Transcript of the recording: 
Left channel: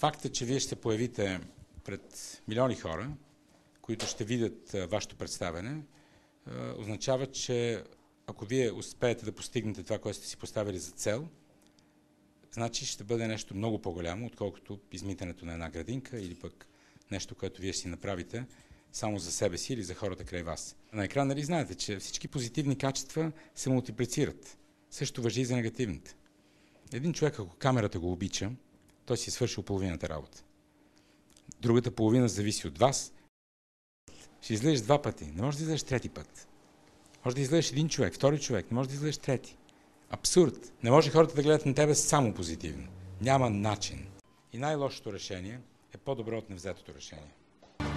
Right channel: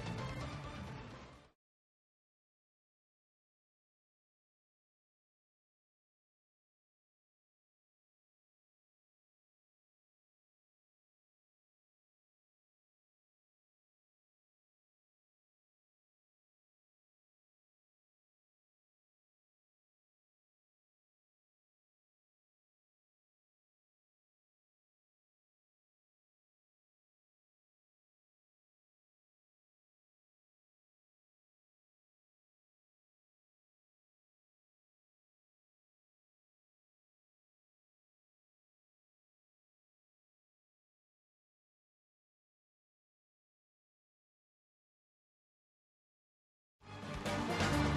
Факта, че вие ще се появите пред милиони хора, които ще видят вашето представяне, означава, че ако вие успеете да постигнете това, което сте си поставили за цел, значи ще бъде нещо много по-голямо, отколкото измитането на една градинка или пък нещо, което вие ще си направите само за себе си или за хората край вас. На екран, нали знаете, че всички позитивни качества се мултиплицират. Също важи и за негативните. Един човек, ако камерата го обича, той си е свършил половината работа. Другата половина зависи от вас. Ще излезеш 2 пъти, не можеш да излезеш 3-ти път. Може да излезеш един човек, втори човек, не можеш да излезеш 3-ти. Абсурд! Не може хората да гледат на тебе само позитивно. Няма начин. И най-лошото решение е по-добро от невзетото решение.